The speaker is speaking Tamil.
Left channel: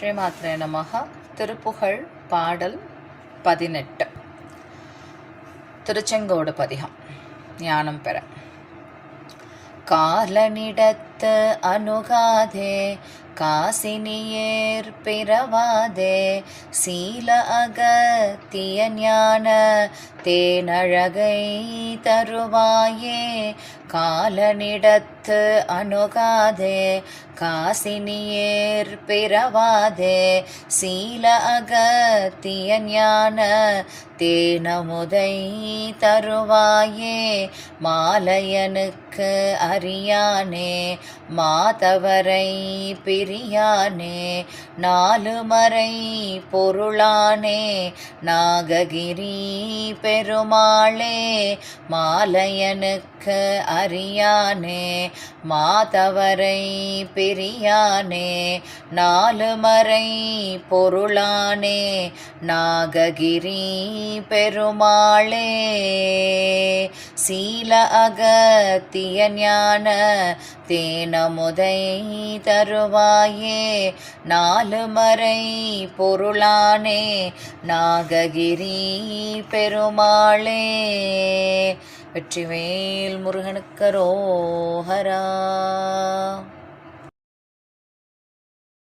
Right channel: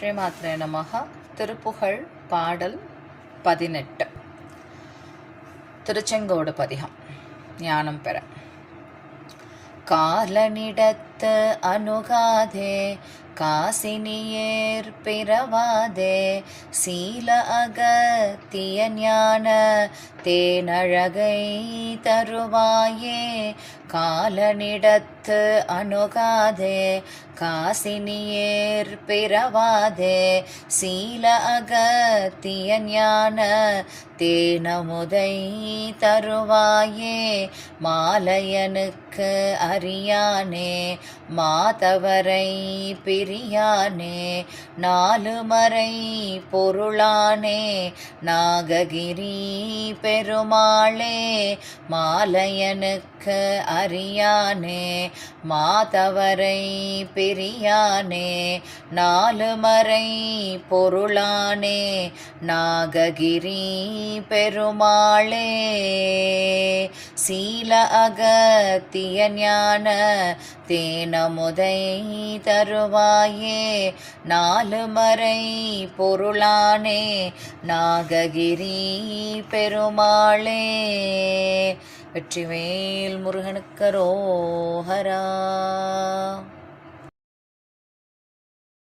ஸ்ரீமாத்ரே நமஹ. திருப்புகழ் பாடல் 18. திருச்செங்கோடு பதிகம். ஞானம் பெற. காலனிடத்து அணுகாதே, காசினியேர் பிறவாதே, சீல அகத்திய ஞான தேனழகை தருவாயே. காலனிடத்து அணுகாதே, காசினியேர் பிறவாதே, சீல அகத்திய ஞான தேனமுதை தருவாயே. மாலையனுக்கு அறியானே, மாதவரை பிரியானே, நாலுமறை பொருளானே, நாககிரி பெருமாளே. மாலையனுக்கு அறியானே, மாதவரை பிரியானே, நாலுமறை பொருளானே, நாககிரி பெருமாளே. சீல அகத்திய ஞான தேனமுதை தருவாயே. நாலுமறை பொருளானே, நாககிரி பெருமாளே. வெற்றிவேல் முருகனுக்கு அரோகரா.